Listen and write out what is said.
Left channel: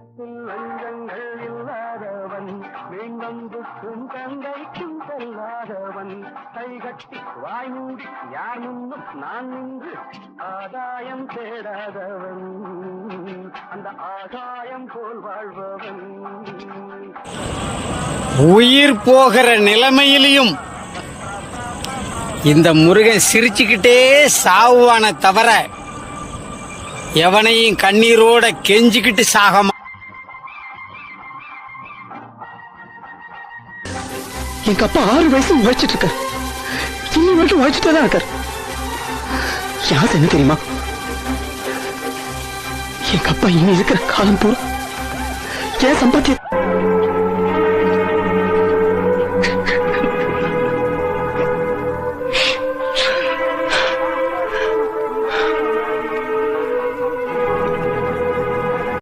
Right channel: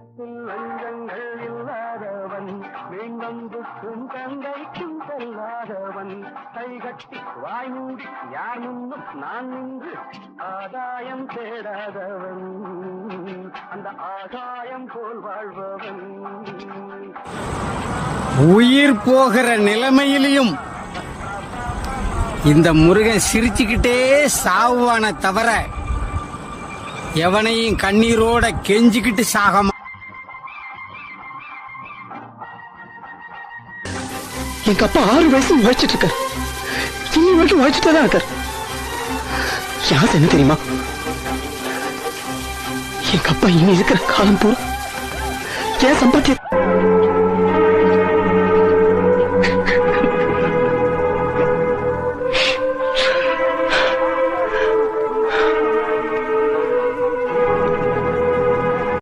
உள்ளத்தில் லஞ்சங்கள் இல்லாதவன் மீன்புக்கும் தந்தைக்கும் செல்லாதவன் கைகட்டி வாய் மூடி யார் முன்னும் நான் நின்று ஆதாயம் தேடாதவன் அந்த ஆகாயம் போல் வாழ்பவன். உயிர் போகிற நிலைமையிலையும் இந்த முருகன் சிரிச்சுக்கிட்டே சாவுவான தவிர எவனையும் கண்ணீரோட கெஞ்சிக்கிட்டு சாகமா. எங்க அப்பா 6 வயசு உழைச்சிட்டு இருக்காரு, இன்னும் வரைக்கும் உழைச்சிட்டே தான் இருக்காரு. யாரு என்ன தெரியுமா, எங்க அப்பா இனி இருக்கிற காலம் பூரா ஏன் சம்பாத்தியம்